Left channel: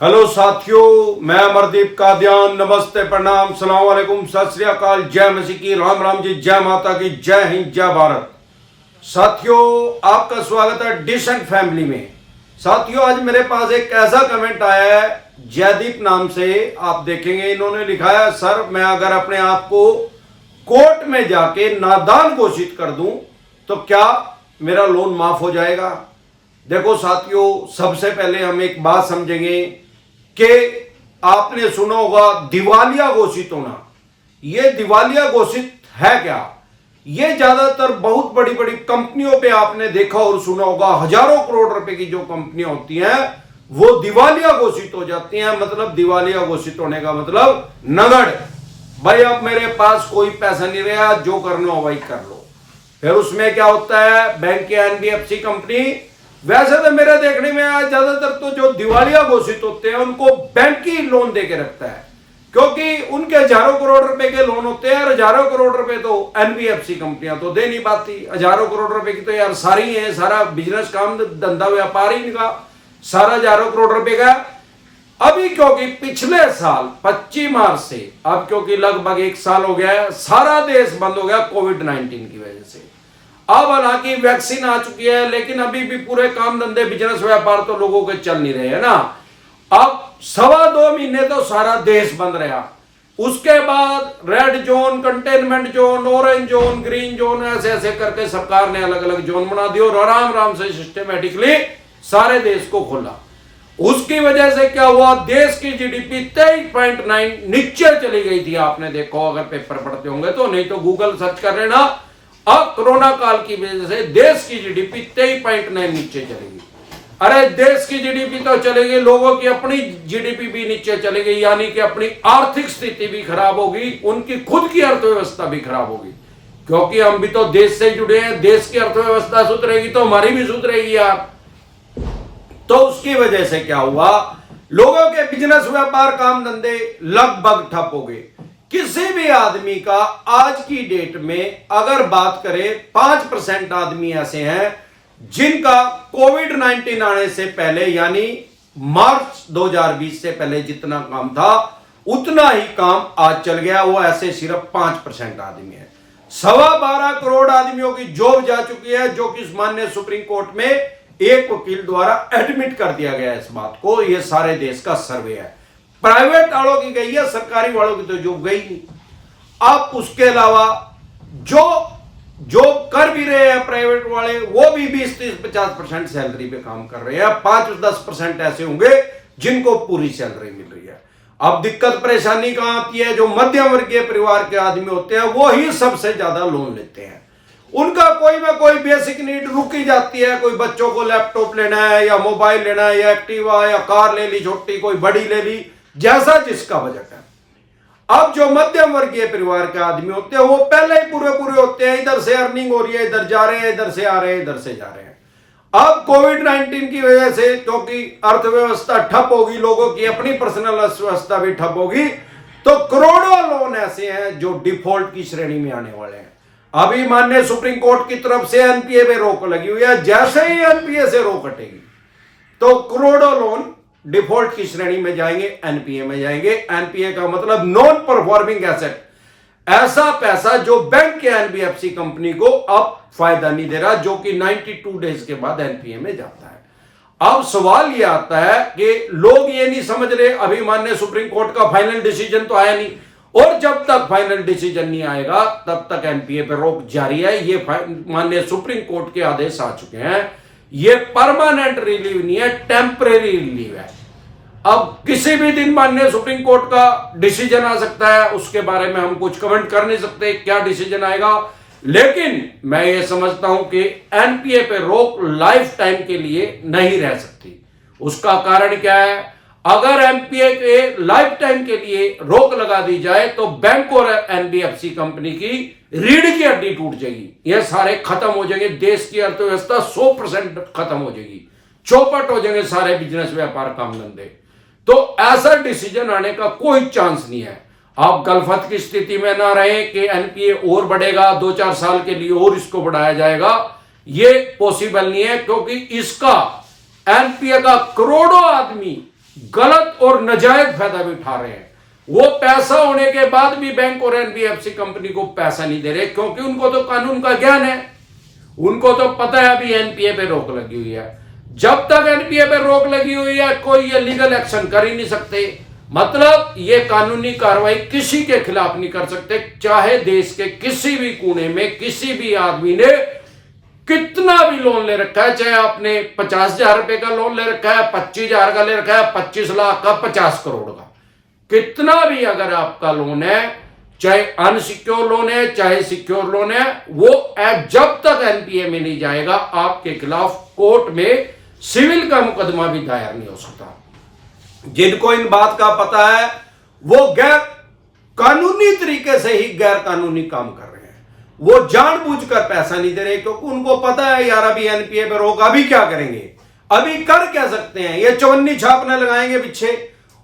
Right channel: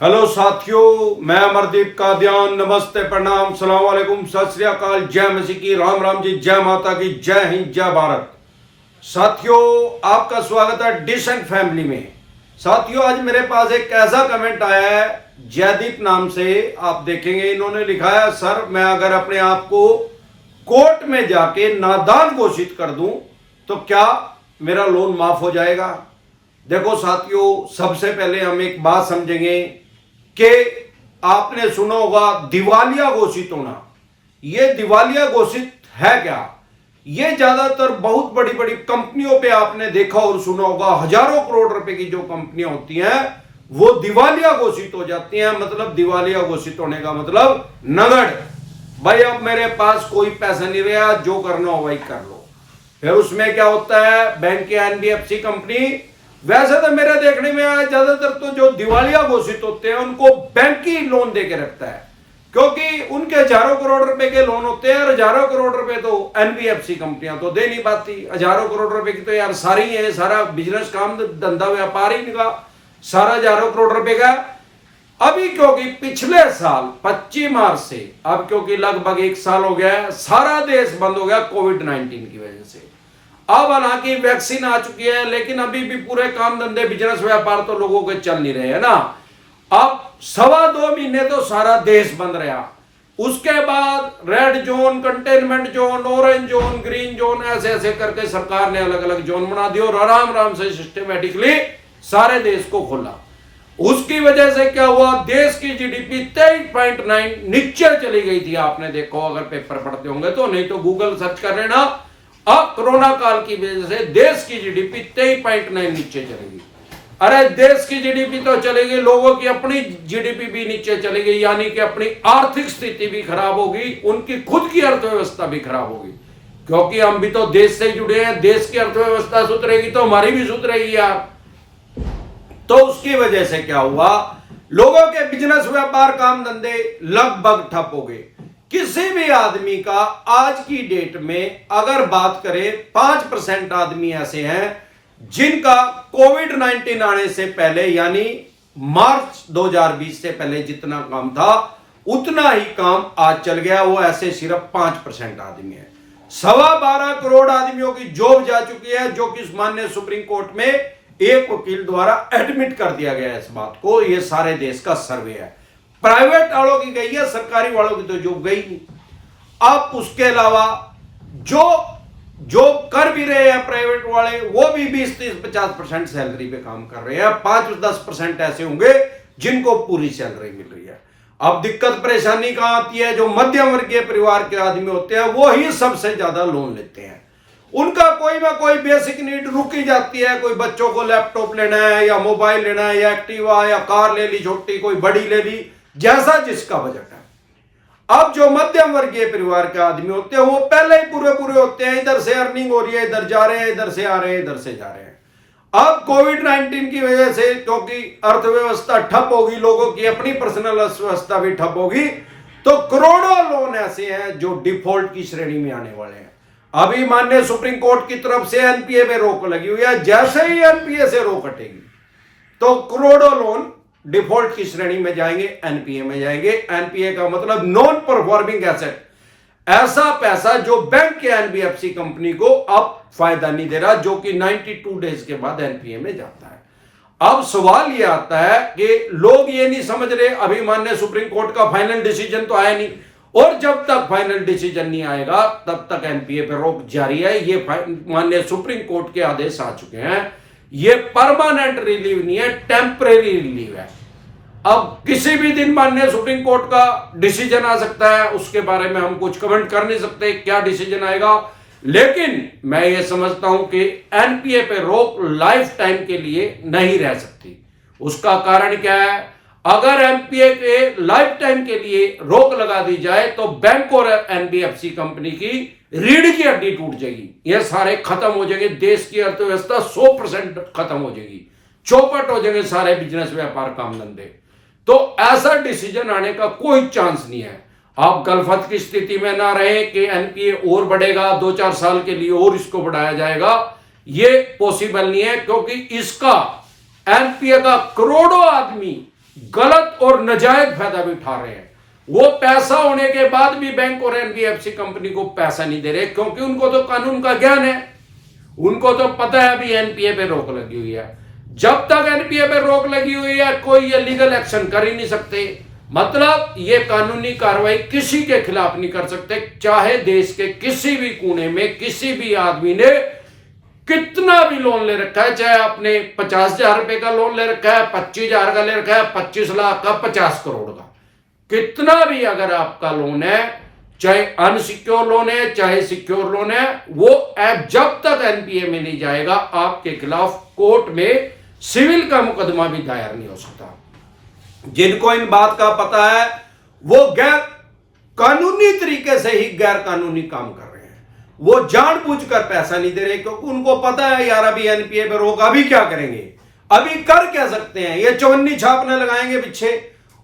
Hello साथियों, मैं अमरदीप कादियान। नमस्ते, प्रणाम, सलाम वालेकुम, सत श्री अकाल, जय मसीह की, राम राम जी, जय माता की, जय हिंद, जय भारत। साथियों, आपका स्वागत है डिसेंट फैमिली में। साथियों, आज मेरे पास एक ऐसा कमेंट आया है जयदीप नाम से। आप देखेंगे, इन्होंने लिखा है, सर मैं अगर अपने आप को कोर्ट में जाके नादान घोषित कर दूं तो क्या मेरा लोन माफ हो जाएगा? देखो साथियों, सबसे पहले हम एक बात समझेंगे कि आपने सुना होगा दिवालिया घोषित होना। यह दिवालिया घोषित है क्या? ये ज्यादातर बहुत बड़ी बड़ी कंपनियों पे आपने देखा और सुना होगा, हजारों करोड़ रुपए की जो कंपनियां होती हैं वो दिवालिया घोषित हो जाती हैं। मतलब दिवालिया घोषित होने का मतलब नगद, भाई अब मेरे पास कोई पैसा नहीं रहा, जो करना हो भाई कर लो। फिर उसमें क्या होता है, बैंक के एनबीएफसी कंपनी, वैसे तो मेरे देखने में ज्यादातर तो जो दिवालिया घोषित होते हैं उनको बैंक ही लोन दे के रखता है, क्योंकि उनके हजारों करोड़ रुपए के लोन होते हैं और हजारों करोड़ रुपए तो एनबीएफसी कंपनियां तो दे नहीं पाती। हजारों करोड़ रुपए की तो यार सारी है, सारा बिजनेस काम धंधा व्यापार ही इनका सारा हजारों करोड़ रुपए का। अभी क्योंकि पिछले साल 25 मार्च से अब क्योंकि लगभग एक साल हो गया है, सारा देश बंद हो गया कोविड-19 की वजह से। अब हालांकि वैक्सीन आ चुकी है, लेकिन अभी भी पूरे काम धंधे बिजनेस व्यापार तो लोगों के चल नहीं रहे हैं ना। अब 2.25 महीने तो सारा देश बंद रहा। उसके बाद red zone, containment zone, orange zone, green zone, ऐसे ऐसे करके सरकार ने अलग अलग जोन बना दिए और आराम आराम से सिस्टमेटिकली सारे देश को खोला। उसकी वजह से क्या हुआ, देश की जीडीपी 23.9 नीचे चली गई थी। आपने देखो, अगर पेपर पढ़ते होंगे तो, नहीं तो गूगल सर्च कर लेना। अब कोरोना काल की वजह से देश की जीडीपी 23.9 नीचे चलेगी। अरे देश की जीडीपी तो चलेगी, लोगों की अपनी जीडीपी भी नीचे चलेगी, यानी कि अपनी आर्थिक स्थिति भी खराब होगी, उनकी खुद की अर्थव्यवस्था भी खराब होगी। क्योंकि हम भी तो देश से जुड़े हैं, देश की अर्थव्यवस्था सुधरेगी तो हमारी भी सुधरेगी यार। तो उसकी वजह से क्या हुआ, लोगों के बिजनेस व्यापार काम धंधे लगभग ठप हो गए। किसी भी आदमी का आज की डेट में अगर बात करें, 5% आदमी ऐसे हैं जिनका कोविड-19 आने से पहले, यानी मार्च 2020 से पहले जितना काम था उतना ही काम आज चल गया। वो ऐसे सिर्फ 5% आदमी है। 12.25 करोड़ आदमियों की जॉब जा चुकी है, जो कि माननीय सुप्रीम कोर्ट में एक वकील द्वारा एडमिट कर दिया गया है इस बात को। ये सारे देश का सर्वे है। प्राइवेट वालों की गई है, सरकारी वालों की तो जॉब गई नहीं। अब उसके अलावा जो कर भी रहे हैं प्राइवेट वाले, वो भी 20-30-50% सैलरी पे काम कर रहे हैं। 5-10% ऐसे होंगे जिनको पूरी सैलरी मिल रही है। अब दिक्कत परेशानी कहां आती है, जो मध्यम वर्गीय परिवार के आदमी होते हैं वो ही सबसे ज्यादा लोन लेते हैं। उनका कोई ना कोई बेसिक नीड रुक ही जाती है। कोई बच्चों को लैपटॉप लेना है या मोबाइल लेना है या एक्टिवा या कार ले ली छोटी, कोई बड़ी ले ली, जैसा जिसका बजट है। अब जो मध्यम वर्गीय परिवार के आदमी होते हैं वो पहले ही पूरे होते हैं, इधर से अर्निंग हो रही है, इधर जा रहे हैं, इधर से आ रहे हैं, इधर से जा रहे हैं। अब कोविड-19 की वजह से क्योंकि अर्थव्यवस्था ठप होगी, लोगों की अपनी पर्सनल अर्थव्यवस्था भी ठप होगी, तो करोड़ों लोन ऐसे हैं जो डिफॉल्ट की श्रेणी में आने वाले हैं। अभी माननीय सुप्रीम कोर्ट की तरफ से एनपीए पे रोक लगी हुई है। जैसे ही एनपीए से रोक हटेगी तो करोड़ों लोन डिफॉल्ट की श्रेणी में जाएंगे, एनपीए में जाएंगे। एनपीए का मतलब नॉन परफॉर्मिंग एसेट, ऐसा पैसा जो बैंक के एनबीएफसी कंपनी को अब फायदा नहीं दे रहा, जो कि 92 डेज के बाद एनपीए में जाता है। अब सवाल यह आता है कि लोग ये नहीं समझ रहे, अभी माननीय सुप्रीम कोर्ट का फाइनल डिसीजन तो आया नहीं, और जब तक फाइनल डिसीजन नहीं आएगा तब तक एनपीए पे रोक जारी है। ये माननीय सुप्रीम कोर्ट के आदेश आ चुके हैं। ये परमानेंट रिलीव नहीं है, टेम्परेरी रिलीव है। अब किसी भी दिन माननीय सुप्रीम कोर्ट का डिसीजन आ सकता है, उसके बारे में हम कुछ कमेंट कर नहीं सकते क्या डिसीजन आएगा। लेकिन मैं ये समझता हूं कि एनपीए पे रोक लाइफ टाइम के लिए नहीं रह सकती। उसका कारण क्या है, अगर एनपीए के लाइफ टाइम के लिए रोक लगा दी जाए तो बैंक और एनबीएफसी कंपनी की रीढ़ की हड्डी टूट जाएगी, ये सारे खत्म हो जाएंगे, देश की अर्थव्यवस्था 100% खत्म हो जाएगी, चौपट हो जाएंगे सारे बिजनेस व्यापार काम धंधे। तो ऐसा डिसीजन आने का कोई चांस नहीं है। आप गलफत की स्थिति में ना रहे कि एनपीए और बढ़ेगा, 2-4 साल के लिए और इसको बढ़ाया जाएगा, ये पॉसिबल नहीं है, क्योंकि इसका एनपीए का करोड़ों आदमी गलत और नाजायज फायदा भी उठा रहे हैं। वो पैसा होने के बाद भी बैंक और एनबीएफसी कंपनी को पैसा नहीं दे रहे, क्योंकि उनको तो कानून का ज्ञान है। उनको तो पता है अभी एनपीए पे रोक लगी हुई है। जब तक एनपीए पे रोक लगी हुई है कोई ये लीगल एक्शन कर ही नहीं सकते। मतलब ये कानूनी कार्रवाई किसी के खिलाफ नहीं कर सकते, चाहे देश के किसी भी कोने में किसी भी आदमी ने कितना भी लोन ले रखा है, चाहे आपने 50,000 रुपए का लोन ले रखा है, 25,000 का ले रखा है, 25 लाख का, 50 करोड़ का, कितना भी अगर आपका लोन है, चाहे अनसिक्योर लोन है चाहे सिक्योर लोन है, वो जब तक एनपीए में नहीं जाएगा आपके खिलाफ कोर्ट में सिविल का मुकदमा भी दायर नहीं हो सकता। जिनको इन बात का पता है वो गैर कानूनी तरीके से ही गैर कानूनी काम कर रहे हैं। वो जानबूझकर पैसा नहीं दे रहे, क्योंकि उनको पता है यार अभी एनपीए पे रोक, अभी क्या करेंगे, अभी कर क्या सकते हैं, ये चवन्नी छाप न लगाएंगे पीछे।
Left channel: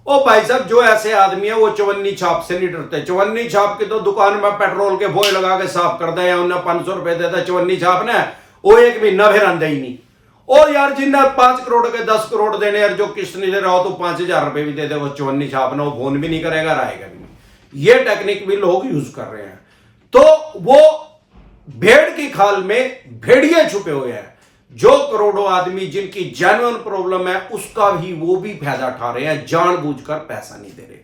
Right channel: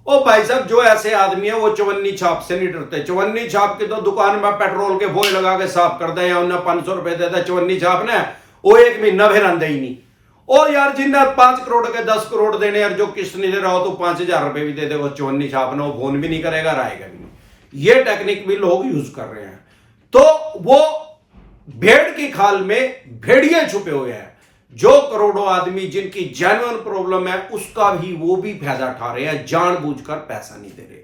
ओ भाई साहब, जो ऐसे आदमी है वो चवन्नी छाप से नहीं डरते। चवन्नी छाप की तो दुकान में पेट्रोल के बोए लगा के साफ कर दे या उन्हें 500 रुपए देता चवन्नी छाप ने, वो एक महीना फिर आंदा ही नहीं। और यार जिन्हें 5 करोड़ के 10 करोड़ देने, यार जो किस्त नहीं दे रहा हो तो 5,000 रुपए भी दे दे, वो चवन्नी छापना, वो फोन भी नहीं करेगा, रहेगा भी नहीं। ये टेक्निक भी लोग यूज कर रहे हैं। तो वो भेड़ की खाल में भेड़िए छुपे हुए हैं। जो करोड़ों आदमी जिनकी जेन्युइन प्रॉब्लम है उसका भी वो भी फायदा उठा रहे हैं, जानबूझकर पैसा नहीं दे रहे।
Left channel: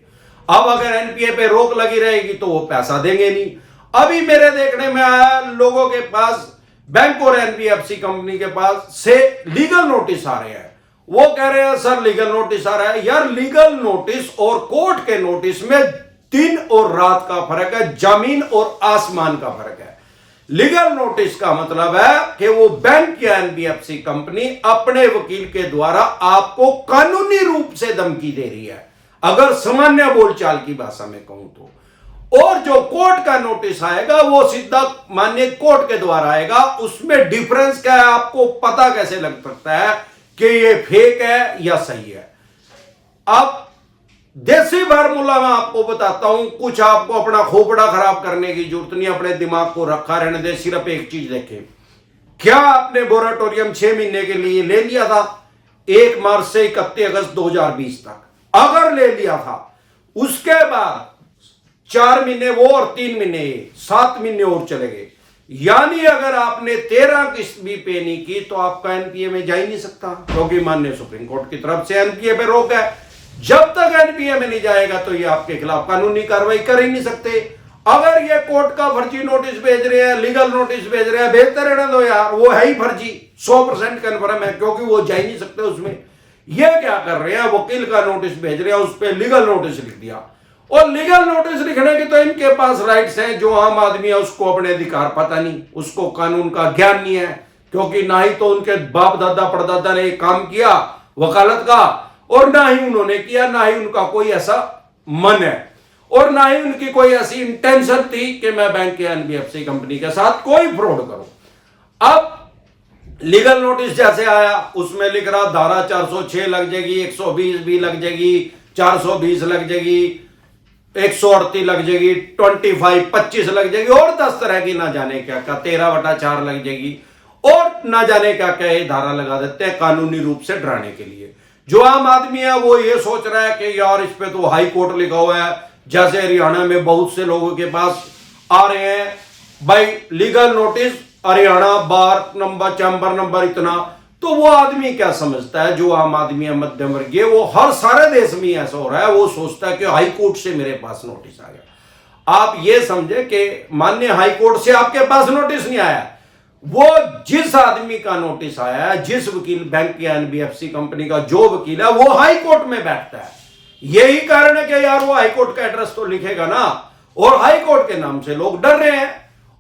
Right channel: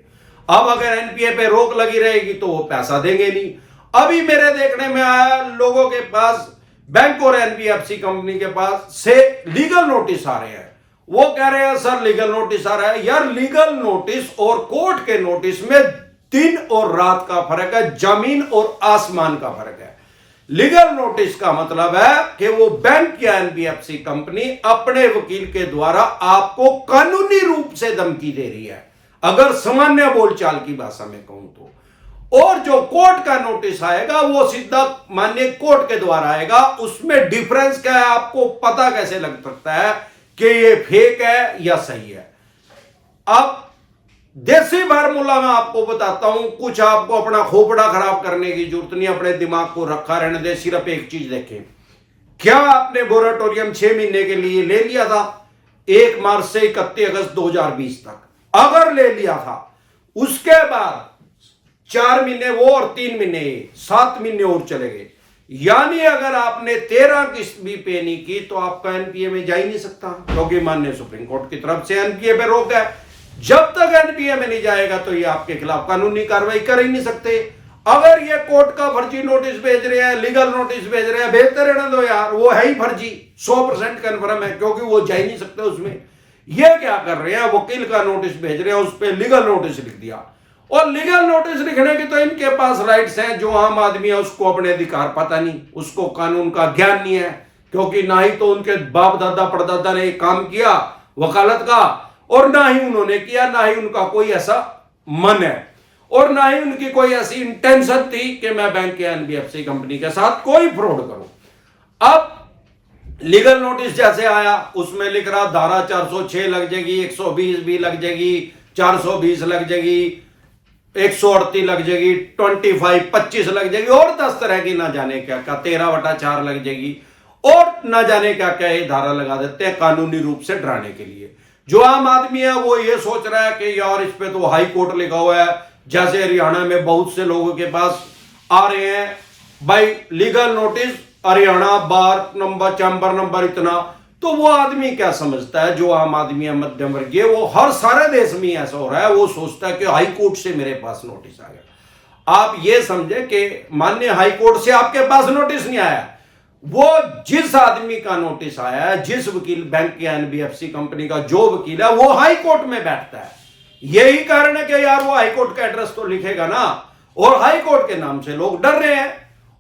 अब अगर एनपीए पे रोक लगी रहेगी तो वो पैसा देंगे नहीं। अभी मेरे देखने में आया लोगों के पास, बैंक और एनबीएफसी कंपनी के पास से लीगल नोटिस आ रहे हैं। वो कह रहे हैं सर लीगल नोटिस आ रहा है। यार लीगल नोटिस और कोर्ट के नोटिस में दिन और रात का फर्क है, जमीन और आसमान का फर्क है। लीगल नोटिस का मतलब है कि वो बैंक या एनबीएफसी कंपनी अपने वकील के द्वारा आपको कानूनी रूप से धमकी दे रही है, अगर सामान्य बोलचाल की भाषा में कहूं तो। और जो कोर्ट का नोटिस आएगा वो सीधा माननीय कोर्ट के द्वारा आएगा। उसमें डिफरेंस क्या है आपको पता कैसे लग सकता है कि ये फेक है या सही है। अब देसी फार्मूला मैं आपको बताता हूं, कुछ आपको अपना खोपड़ा खराब करने की जरूरत नहीं, अपने दिमाग को रखा रहने दे। सिर्फ एक चीज देखें, क्या आपने मोरेटोरियम 6 महीने के लिए ले लिया था 1 मार्च से 31 अगस्त 2020 तक? अगर ले लिया था, उसके बाद 4 महीने वो और 3 महीने 7 महीने और चले गए, यानी अगर आपने 13 किस्त भी पे नहीं की तो आपका एनपीए में जा ही नहीं सकता, क्योंकि माननीय सुप्रीम कोर्ट की तरफ से एनपीए पे रोक है। जब तक एनपीए में नहीं जाएगा तो ये आपके खिलाफ कानूनी कार्रवाई कर ही नहीं सकते। अगर ये कोर्ट का फर्जी नोटिस भेज रहे हैं, लीगल नोटिस भेज रहे हैं, भेजते रहने दो यार, वो है ही फर्जी, 100% कन्फर्म है, क्योंकि वो जा ही नहीं सकते उसमें। ये क्या कर रहे हैं, वकील का नोटिस भेज रहे हैं, उस पर लीगल नोटिस लिख दिया। और लीगल नोटिस लिखने की तो इनके पास राइट्स हैं, जो आम आदमी है उसको अपने अधिकार पता नहीं, उसको कानून का ज्ञान नहीं है, क्योंकि ना ही तो उनके बाप दादा परदादा ने काम किया वकालत का, और ना ही उन्होंने किया, ना ही उनका कोई ऐसा मन है, और ना ही उनकी कोई ऐसी इंटेंशन थी कि मैं बैंक या एनबीएफसी कंपनी के साथ कोई फ्रॉड करूं। अब लीगल नोटिस जैसे आया उसमें लिख रहा धारा 406 लग जाएगी, 120 भी लग जाएगी, 420 लग जाएगी, 138 लग जाएगी, 25 लग जाएगी, और 10 तरह की ना जाने क्या क्या 13/4 लग जाएगी, और ना जाने क्या क्या ये धारा लगा देते हैं कानूनी रूप से डराने के लिए। जो आम आदमी है वो ये सोच रहा है कि यार इस पे तो हाई कोर्ट लिखा हुआ है, जैसे हरियाणा में बहुत से लोगों के पास आ रहे हैं भाई लीगल नोटिस, हरियाणा बार नंबर चैम्बर नंबर इतना, तो वो आदमी क्या समझता है, जो आम आदमी है मध्यम वर्गीय, वो हर सारे देश में ऐसा हो रहा है, वो सोचता है कि हाई कोर्ट से मेरे पास नोटिस आ गया। आप ये समझे कि माननीय हाई कोर्ट से आपके पास नोटिस नहीं आया, वो जिस आदमी का नोटिस आया है, जिस वकील बैंक या एनबीएफसी कंपनी का जो वकील है, वो हाई कोर्ट में बैठता है। यही कारण है कि यार वो हाई कोर्ट का एड्रेस तो लिखेगा ना, और हाई कोर्ट के नाम से लोग डर रहे हैं,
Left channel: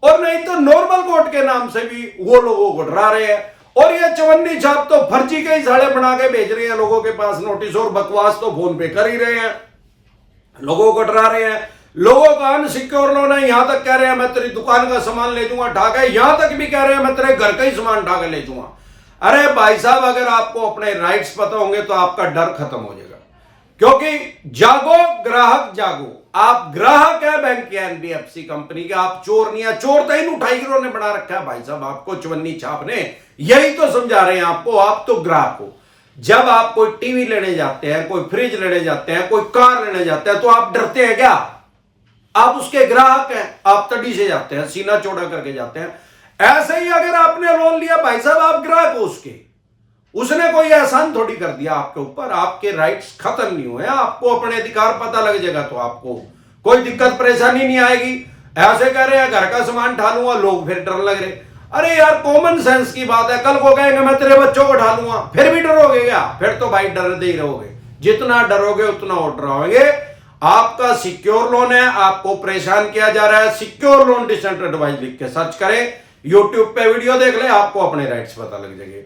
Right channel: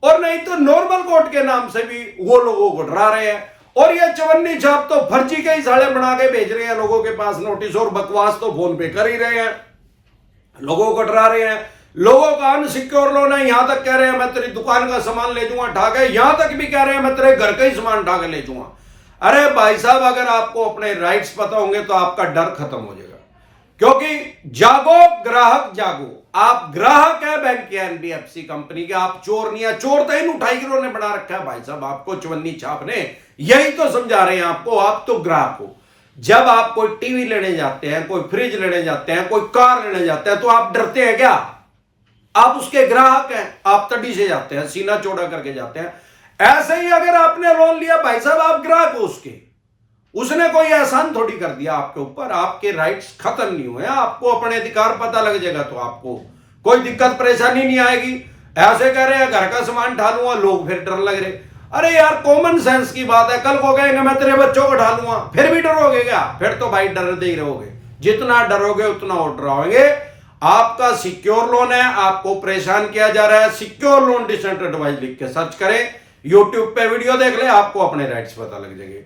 और नहीं तो नॉर्मल कोर्ट के नाम से भी वो लोगों को डरा रहे हैं। और ये चवन्नी छाप तो फर्जी के ही साड़े बना के भेज रहे हैं लोगों के पास नोटिस, और बकवास तो फोन पे कर ही रहे हैं, लोगों को डरा रहे हैं। लोगों का अनसिक्योर लोन है, यहां तक कह रहे हैं मैं तेरी दुकान का सामान ले जाऊंगा ढा के, यहां तक भी कह रहे हैं मैं तेरे घर का ही सामान ढा के ले जाऊंगा। अरे भाई साहब, अगर आपको अपने राइट्स पता होंगे तो आपका डर खत्म हो जाएगा, क्योंकि जागो ग्राहक जागो। आप ग्राहक है बैंक या एनबीएफसी कंपनी के, आप चोर नहीं है। चोर तो इन उठाई गिरोह ने बना रखा है भाई साहब, आपको चवन्नी छाप ने यही तो समझा रहे हैं आपको, आप तो ग्राहक हो। जब आप कोई टीवी लेने जाते हैं, कोई फ्रिज लेने जाते हैं, कोई कार लेने जाते हैं, तो आप डरते हैं क्या? आप उसके ग्राहक हैं, आप तड़ी से जाते हैं, सीना चौड़ा करके जाते हैं। ऐसे ही अगर आपने लोन लिया भाई साहब, आप ग्राहक हो उसके, उसने कोई एहसान थोड़ी कर दिया आपके ऊपर, आपके राइट्स खत्म नहीं हुए। आपको अपने अधिकार पता लग जाएगा तो आपको कोई दिक्कत परेशानी नहीं आएगी। ऐसे कह रहे हैं घर का सामान ढा लूंगा, लोग फिर डर लग रहे। अरे यार कॉमन सेंस की बात है, कल को कहेंगे मैं तेरे बच्चों को ढालूंगा, फिर भी डरोगे क्या? फिर तो भाई डर दे ही रहोगे, जितना डरोगे उतना और डराओगे। आपका सिक्योर लोन है, आपको परेशान किया जा रहा है, सिक्योर लोन डिसेंट एडवाइस लिख के सर्च करें, यूट्यूब पे वीडियो देख ले, आपको अपने राइट्स पता लग जाएंगे।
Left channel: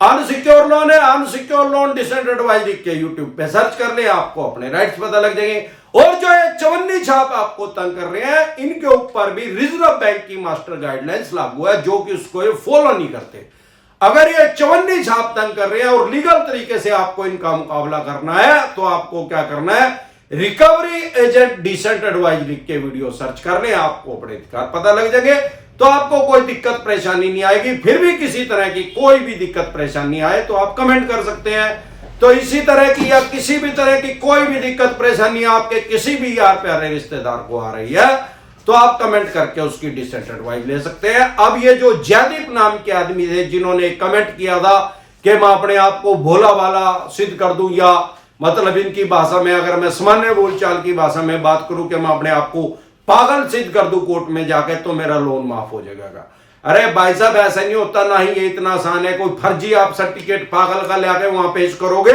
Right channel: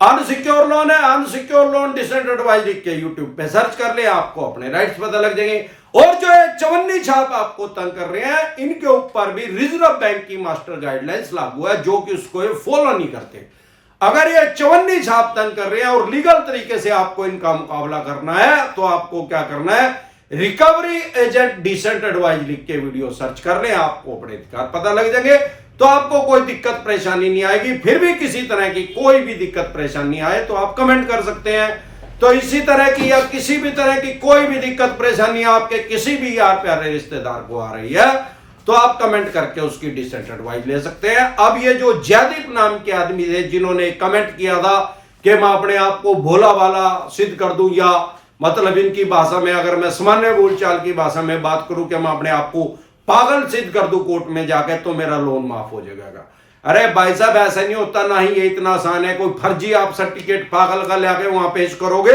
अनसिक्योर लोन है, अनसिक्योर लोन डिसेंट एडवाइस लिख के यूट्यूब पे सर्च कर ले, आपको अपने राइट्स पता लग जाएंगे। और जो ये चवन्नी छाप आपको तंग कर रहे हैं, इनके ऊपर भी रिजर्व बैंक की मास्टर गाइडलाइंस लागू है, जो कि उसको ये फॉलो नहीं करते। अगर ये चवन्नी छाप तंग कर रहे हैं और लीगल तरीके से आपको इनका मुकाबला करना है, तो आपको क्या करना है, रिकवरी एजेंट डिसेंट एडवाइस लिख के वीडियो सर्च कर ले, आपको अपने अधिकार पता लग जाएंगे, तो आपको कोई दिक्कत परेशानी नहीं आएगी। फिर भी किसी तरह की कोई भी दिक्कत परेशानी आए तो आप कमेंट कर सकते हैं। तो इसी तरह की या किसी भी तरह की कोई भी दिक्कत परेशानी आपके किसी भी यार प्यारे रिश्तेदार को आ रही है, तो आप कमेंट करके उसकी डिसेंट एडवाइस ले सकते हैं। अब ये जो जयदीप नाम के आदमी थे, जिन्होंने कमेंट किया था कि मैं अपने आप को भोला वाला सिद्ध कर दूं, या मतलब इनकी भाषा में अगर मैं सामान्य बोलचाल की भाषा में बात करूं कि मैं अपने आप को पागल सिद्ध कर दूं कोर्ट में जाके, तो मेरा लोन माफ हो जाएगा। अरे भाई साहब ऐसा नहीं होता, ना ही ये इतना आसान है। कोई फर्जी आप सर्टिफिकेट पागल का लेके वहां पेश करोगे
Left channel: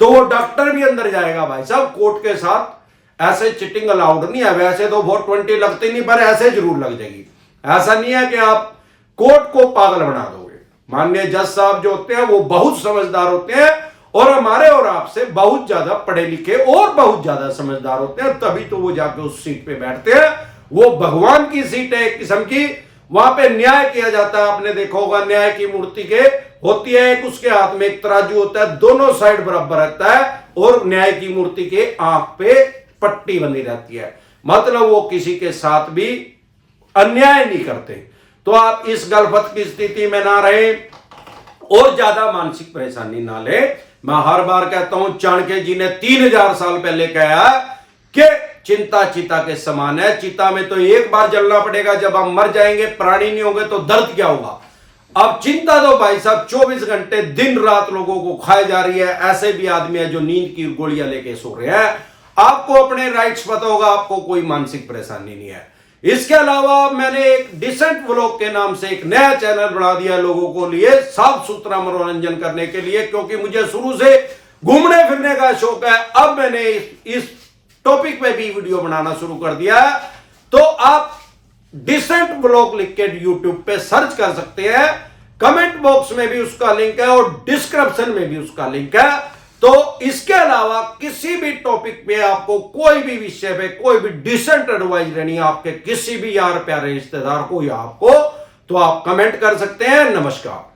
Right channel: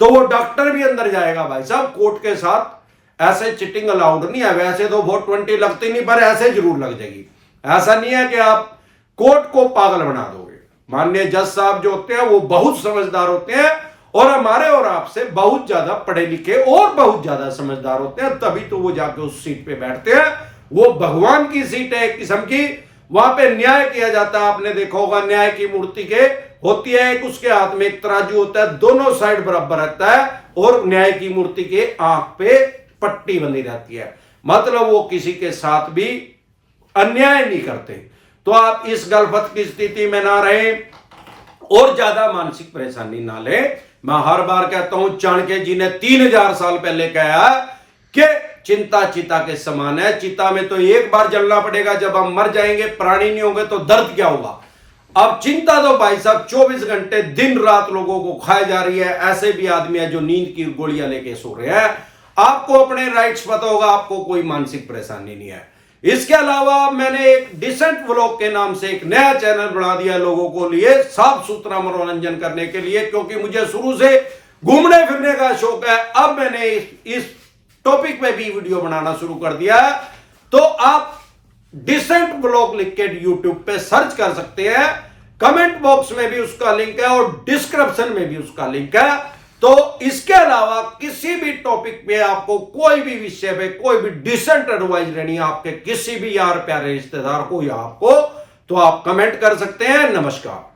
तो वो डॉक्टर भी अंदर जाएगा भाई साहब कोर्ट के साथ। ऐसे चिटिंग अलाउड नहीं है। वैसे तो वोट 20 लगती नहीं, पर ऐसे जरूर लग जाएगी। ऐसा नहीं है कि आप कोर्ट को पागल बना दोगे। माननीय जज साहब जो होते हैं वो बहुत समझदार होते हैं, और हमारे और आपसे बहुत ज्यादा पढ़े लिखे और बहुत ज्यादा समझदार होते हैं, तभी तो वो जाके उस सीट पे बैठते हैं। वो भगवान की सीट है एक किस्म की, वहां पे न्याय किया जाता है। आपने देखा होगा न्याय की मूर्ति के होती है एक, उसके हाथ में एक तराजू होता है, दोनों साइड बराबर रहता है, और न्याय की मूर्ति के आंख पे पट्टी बंधी रहती है, मतलब वो किसी के साथ भी अन्याय नहीं करते। तो आप इस गलफत की स्थिति में ना रहे और ज्यादा मानसिक परेशानी ना ले। मैं हर बार कहता हूं, चाणक्य जी ने 3000 साल पहले कहा कि चिंता चिता के समान है। चिता में तो एक बार जलना पड़ेगा, जब हम मर जाएंगे, प्राणी नहीं होंगे, तो दर्द क्या होगा। अब चिंता तो भाई साहब 24 घंटे दिन रात लोगों को खाए जा रही है। ऐसे भी आदमी है जो नींद की गोलियां लेके सो रहे हैं। आपको अपने राइट्स पता होगा, आपको कोई मानसिक परेशानी नहीं है। इसके अलावा मैंने एक डिसेंट व्लॉग के नाम से एक नया चैनल बना दिया लोगों को लिए साफ सुथरा मनोरंजन करने के लिए, क्योंकि मुझे शुरू से घूमने फिरने का शौक है। अब मैंने इस टॉपिक पे भी वीडियो बनाना शुरू कर दिया है। तो आप डिसेंट व्लॉग लिख के यूट्यूब पे सर्च कर सकते हैं। कमेंट बॉक्स में भी उसका लिंक है और डिस्क्रिप्शन में भी उसका लिंक है। तो इसके अलावा किसी भी टॉपिक पे आपको कोई भी विषय पे कोई भी डिसेंट एडवाइस लेनी है आपके किसी भी यार प्यारे रिश्तेदार को या आपको, तो आप कमेंट कर सकते हैं। नमस्कार।